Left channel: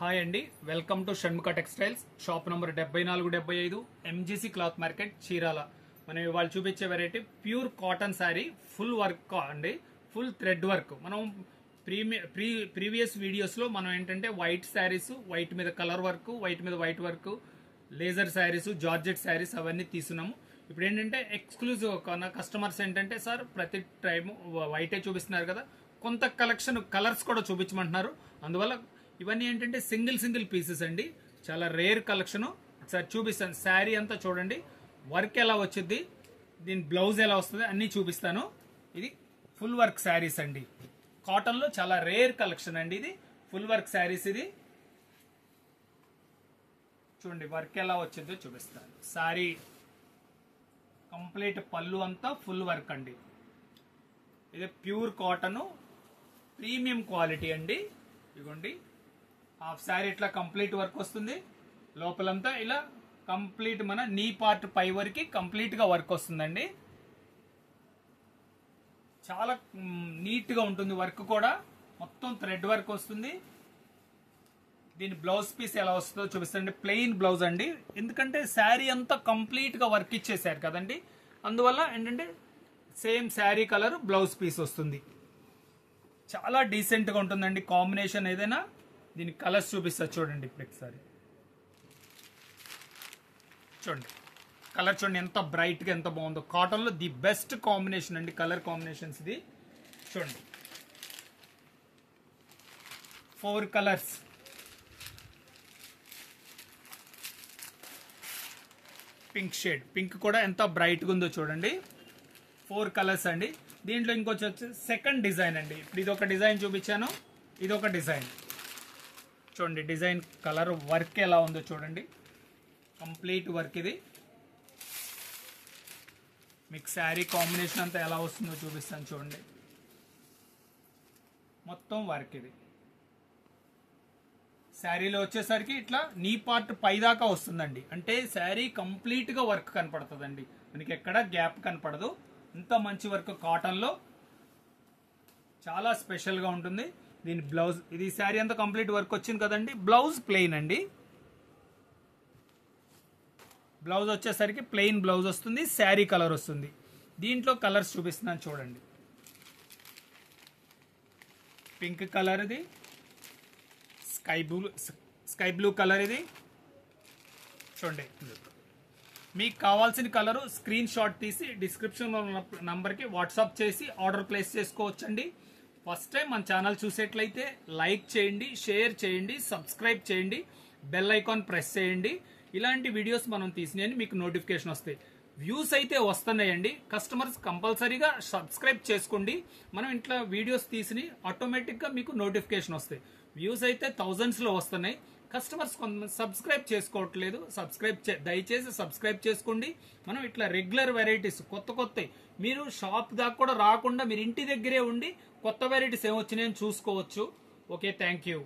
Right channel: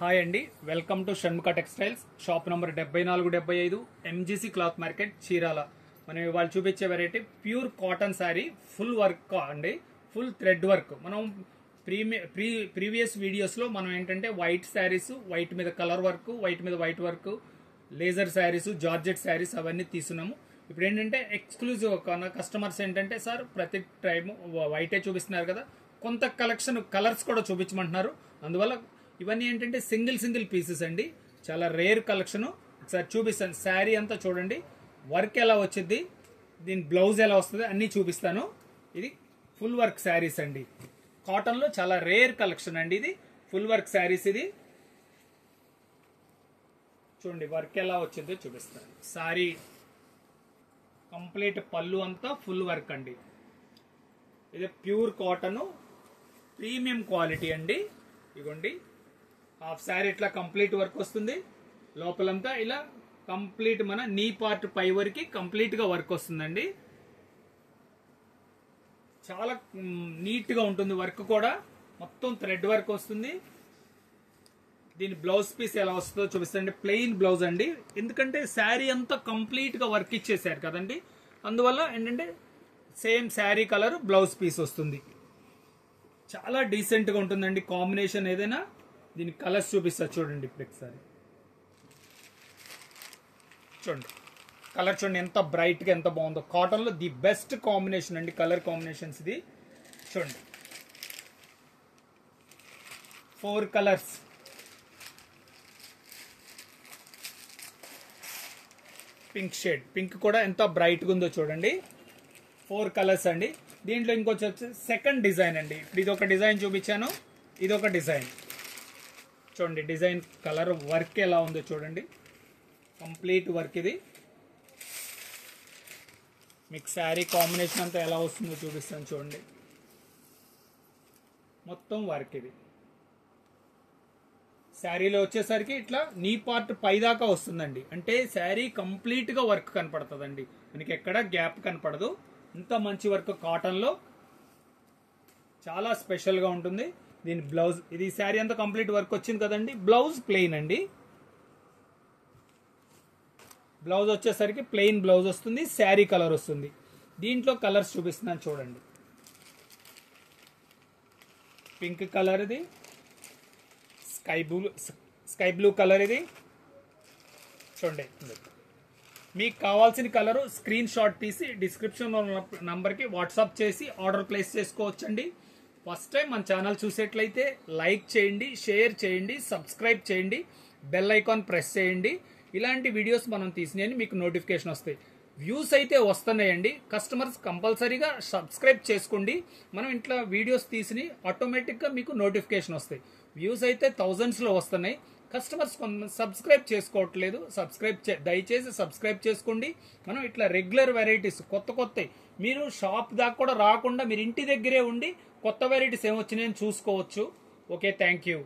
Hi అండి, welcome to Shanmukha textiles. Shop number 7475 MGC cloth market, Chirala. మనం ఇవాళ చూపించే variety pure cotton sari, full work అండి, ఫుల్ థ్రెడ్ వర్క్. మనం ప్రీవియస్ వీడియోస్ లో మనం ఏంటంటే వైట్ శారీస్, వైట్ మీద కలర్ వర్క్, వైట్ మీద white work, laser saris, georgette saris అవన్నీ తీసుకున్నాము. ఇప్పుడు ఏంటంటే ఎక్స్క్లూజివ్ కస్టమర్స్ ఏంటంటే, సార్ ప్రతి టైం వైటే చూపిస్తున్నారు కదా, కొంత కలెక్షన్ కలర్స్ కూడా చూపించమంటున్నారు. అందువల్ల ఇవన్నీ ఏంటంటే సింగిల్ పీసెస్ అండి, చాలా రేర్ కలెక్షన్. ఒకసారి చూపిస్తాను. శారీ అంతా చూడండి, వర్క్ ఎలా వచ్చింది, దీని బ్లౌజ్ ఎలా వస్తుంది అన్ని చూపిస్తాను. ఇది ఫుల్ వర్క్ శారీస్ అండి, కాటన్ లో చాలా రేర్ కలెక్షన్ అండి. ఇది ఫుల్ వర్క్ శారీస్. ఇది చూడండి వర్క్ ఎలా వచ్చిందో చూపిస్తాను. శారీ కంప్లీట్ పళ్ళు అంతా ఫుల్ వర్క్ అండి. ఇది ప్యూర్ కాటన్, ప్రీమియం క్వాలిటీ అండి. ఇదిగోండి హాఫ్ శారీ ఇట్లా కంప్లీట్ వర్క్ వస్తుంది. లోపలంతా ఇలా కంప్లీట్ మన నీ పార్ట్ పై వరకు కంప్లీట్ గా వర్క్ వస్తుందండి. చాలా నీట్ గా ఉంటుంది వర్క్ కూడా, మొత్తం థ్రెడ్ వర్క్ వస్తుంది. దీని బ్లౌజ్ పీస్ ఎలా వస్తుందో చూపిస్తుంది. ప్లెయిన్ బ్లౌజ్ అండి, ఎందుకంటే శారీ అంతా కంప్లీట్ గా వర్క్ ఇచ్చేసారు కదండి. అందువల్ల ఏంటంటే same sari colour blouse piece వస్తుంది. చాలా డీసెంట్ గా ఉంటుందండి కాంబినేషన్. ఏదైనా దీని కలర్స్ చూపిస్తా చూడండి. ఇప్పుడు ఒకసారి చూడండి కలర్, చూడండి ఎంత బ్రైట్ గా ఎంత బాగుందో. కాటన్ లో ది బెస్ట్ కాంబినేషన్ అండి, కలర్ కాంబినేషన్స్. ఇది చూడండి 4 కలర్స్. పింక్ షేడ్, పింక్ కూడా ఎంత బ్రైట్ గా ఉందో చూడండి. 4 కలర్స్ అండి. దీంట్లో ఇంకొచ్చి సెకండ్ డిజైన్ అండి. ఇప్పుడు ఇది ఒక డిజైన్ చూపించాను, ఇది ఒక డిజైన్. చూడండి డిజైన్ కలర్ వర్క్ ఎలా ఉందో చూడండి, కంప్లీట్ వర్క్. ఇది మీకు శారీ కాంబినేషన్ అంతా ఎలా వస్తుందో చూపిస్తాను చూడండి. మొత్తం వర్క్. ఇది శారీలో వచ్చేసరికి ఇట్లా నీ పార్ట్ పైదాకా వస్తుందండి, అంటే శారీ కంప్లీట్ గా వర్క్ కనపడుతుందండి, మనకి ఎక్కడ గ్యాప్ కనపడదు. ఇంత మంచి వర్క్ కాటన్ లో చాలా స్పెషల్ గా ఉంటుంది. దీని బ్లౌజ్, ఇది శారీ అంతా కంప్లీట్ వర్క్ వచ్చింది కదండి. బ్లౌజ్ ప్లెయిన్ అండి, బ్లౌజ్ వచ్చేసరికి ప్లెయిన్ బ్లౌజ్ వస్తుంది, శారీ కలర్ వస్తుంది. దీంట్లో కలర్స్ చూపిస్తున్నాను చూడండి. పింక్ కలర్, ఇది స్కై బ్లూ కలర్. ఇది చూడండి, మీకు కావాల్సిన కలర్ స్క్రీన్ షాట్ తీసి డిస్క్రిప్షన్ నంబర్ కి వాట్సాప్ చేసి ఆర్డర్ ప్లేస్ చేసుకోవచ్చండి. ఫస్ట్ టైం మన ఛానల్ చూసేట్లయితే లైక్ చేయండి, షేర్ చేయండి, సబ్స్క్రైబ్ చేయండి, బెల్ ఐకాన్ ప్రెస్ చేయండి. ఇలాంటి వీడియోస్ మనం తీసినాయని మీకు నోటిఫికేషన్ వస్తాయి. వ్యూస్ అయితే వస్తున్నాయండి, కస్టమర్స్ కంపల్సరీగా సబ్స్క్రైబ్ చేసుకోండి. మనం ఇంట్లో వీడియోస్ తీసి ఆటోమేటిక్ గా మీకు నోటిఫికేషన్ వస్తాయి. వ్యూస్ అయితే థౌజండ్స్ లో వస్తున్నాయి, కస్టమర్స్ సబ్స్క్రైబ్ చేసుకోవట్లేదు. దయచేసి సబ్స్క్రైబ్ చేసుకోండి. మనం ఇట్లా రెగ్యులర్ వెరైటీస్ కొత్త మీరు షాప్ దాకా కూడా రాకుండా మీరు ఇంటి దగ్గరే ఉండి కొత్త వెరైటీస్ ఏమొచ్చినాయని చూసుకోవచ్చు. Okay, thank you.